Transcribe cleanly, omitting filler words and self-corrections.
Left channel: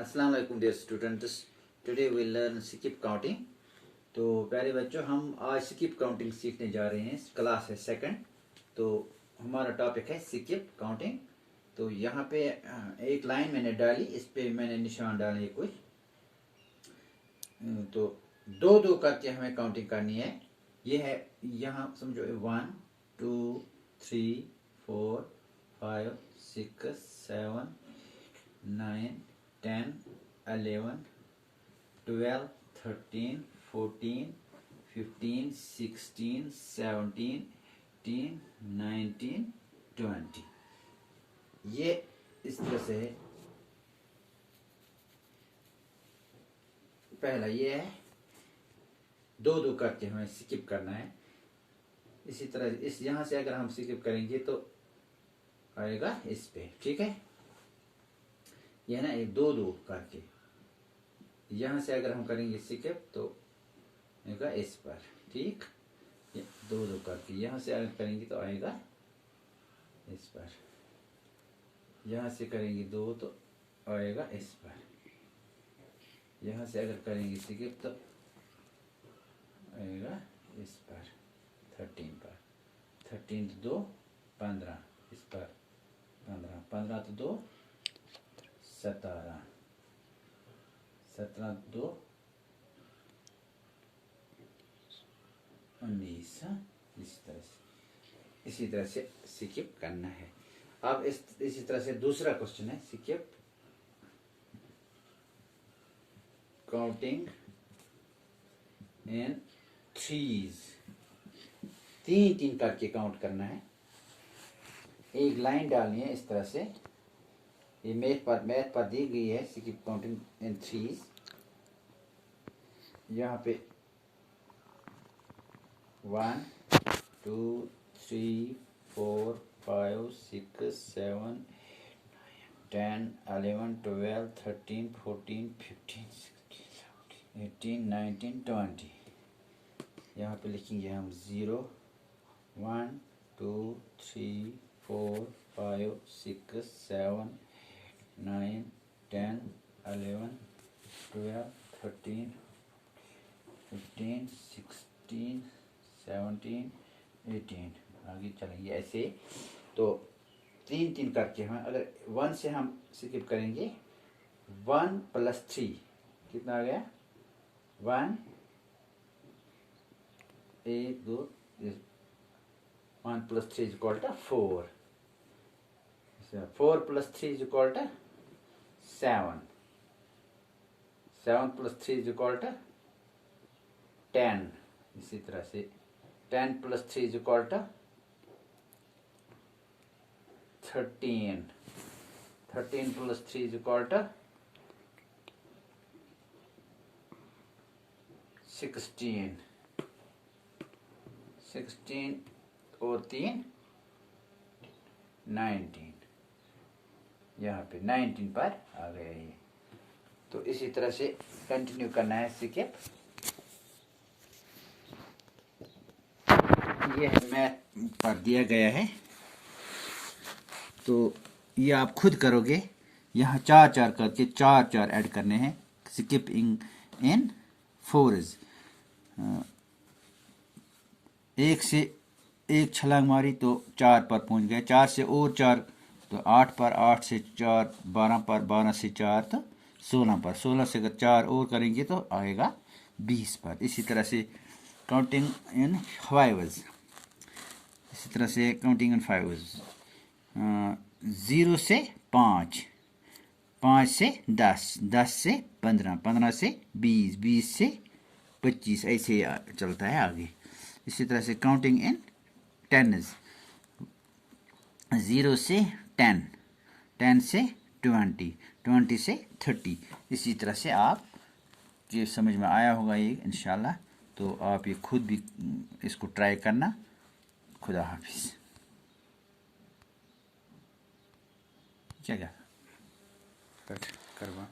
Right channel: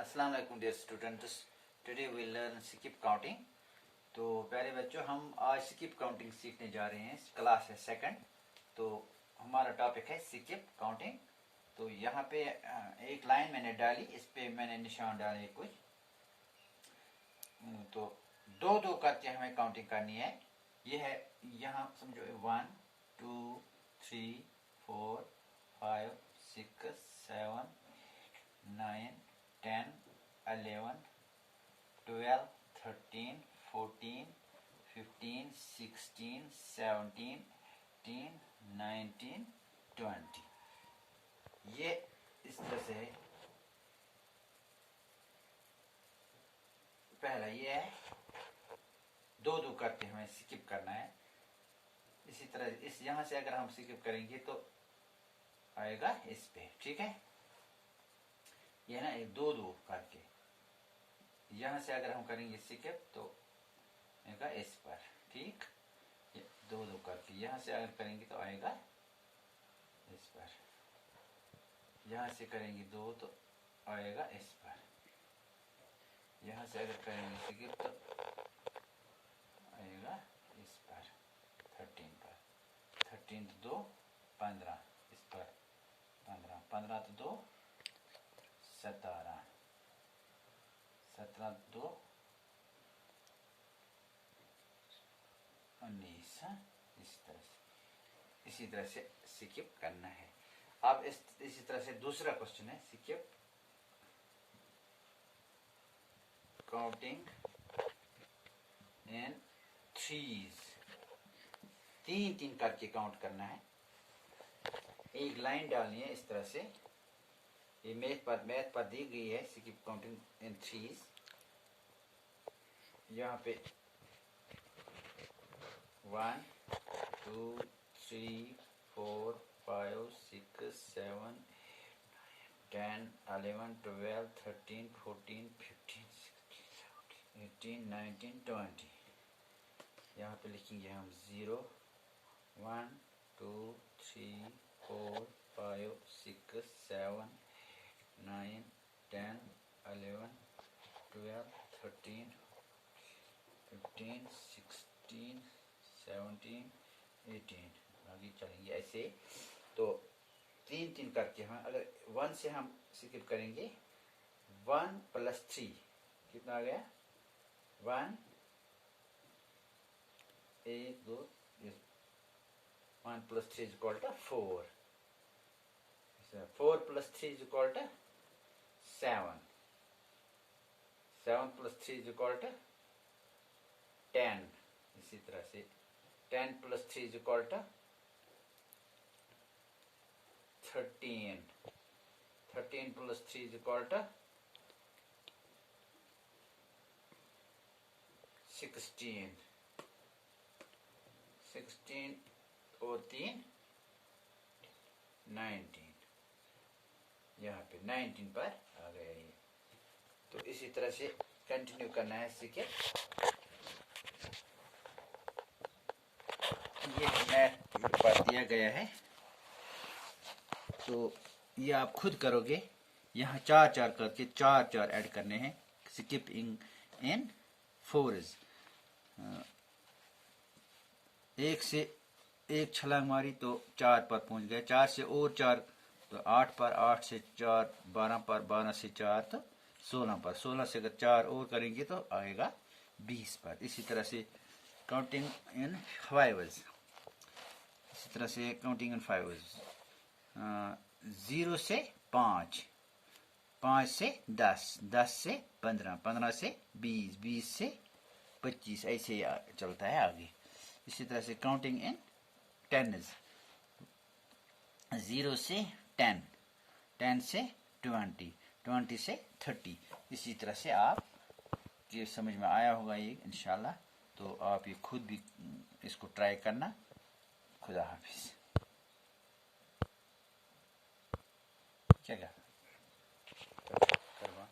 अस्सलाम वालेकुम dear students, today we learn skip counting. तो प्यारे बच्चों, हम आज स्किप काउंटिंग सीखने जा रहे हैं। क्लास है सेकंड। तो हमारा टॉपिक है स्किप काउंटिंग। तो यहाँ पे एक लाइन मैंने डाली, इस पे मैंने निशान डाले कुछ। तो दो दो करके हमें काउंटिंग करनी है। ये है, यहाँ समझो 1 2 3 4 5 6 7 9 10 11 12 13 14 15 16 17 18 19 20। ये इस तरह से है। पहला ये है, दो दो करके हमें स्किप करना है। इसी तरह इस यहाँ से अगर हम स्किप करेंगे तो आएगा इस पे, ठीक है। यह ना, ये दो दो करके यहाँ से अगर हम करेंगे स्किप तो आएगा इस पर, ठीक। ये दो दो करके यहाँ से अगर करेंगे तो आएगा इस पर। यहाँ से करेंगे दो तो आएगा इस पर। यहाँ से अगर करेंगे स्किप तो आएगा इस पर 13 पर। 13 तो 2 15, इस पर 15 15 तो 2 17 17 2 19। इसी तरह से स्किप करना है। अब इसी तरह से दूसरा क्वेश्चन है, स्किप काउंटिंग इन थ्रीज। तीन तीन करके काउंट करना है। एक लाइन डालनी है इस तरह से। ये मैथ पर दी गई है, स्किप काउंटिंग इन थ्रीज। यहाँ पे 1 2 3 4 5 6 7 10 11 12 13 14 15 16 18 19 20। यहाँ पे लिखेंगे हम 0 1 2 3 4 5 6 7 9 10 11 12 13 15 16 17 18। आगे चलेंगे ऐसे। तो तीन तीन करके हम अगर 1 से हम स्किप करेंगे, 1 + 3 कितना आ गया? 1 1 2 1 + 3 = 4। 4 + 3 = 7। 7 + 3 = 10। इसी तरह से 10 + 3 = 13। 13 + 3 = 16। 16 और 3 19। यहाँ पे 19 पर आ गया ये। तो इसी तरह से कंटिन्यू करना है सीखे। ये मैथ पर दिया गया है, तो ये आप खुद करोगे। यहाँ 4 4 करके 4 4 ऐड करने हैं। Skipping in force. एक से एक छलांग मारी तो 4 पर पहुंच गए। 4 से और 4 तो 8 पर। 8 से 4 12 पर। 12 से 4 तो 16 पर। 16 से अगर 4 और करेंगे तो आएगा 20 पर। इसी तरह से काउंटिंग इन फाइव्स। इसी तरह से काउंटिंग इन फाइव्स। 0 से 5, 5 से 10, 10 से 15, 15 से 20, 20 से 25, ऐसे चलता है आगे। इसी तरह से काउंटिंग इन टेन्स। 0 से 10, 10 से 20, 20 से 30। इसी तरह से आप, ये समझ में आया होगा ये इंशाल्लाह। तो आप ये खुद भी इसको ट्राई करना। खुदा हाफिज। क्या करवा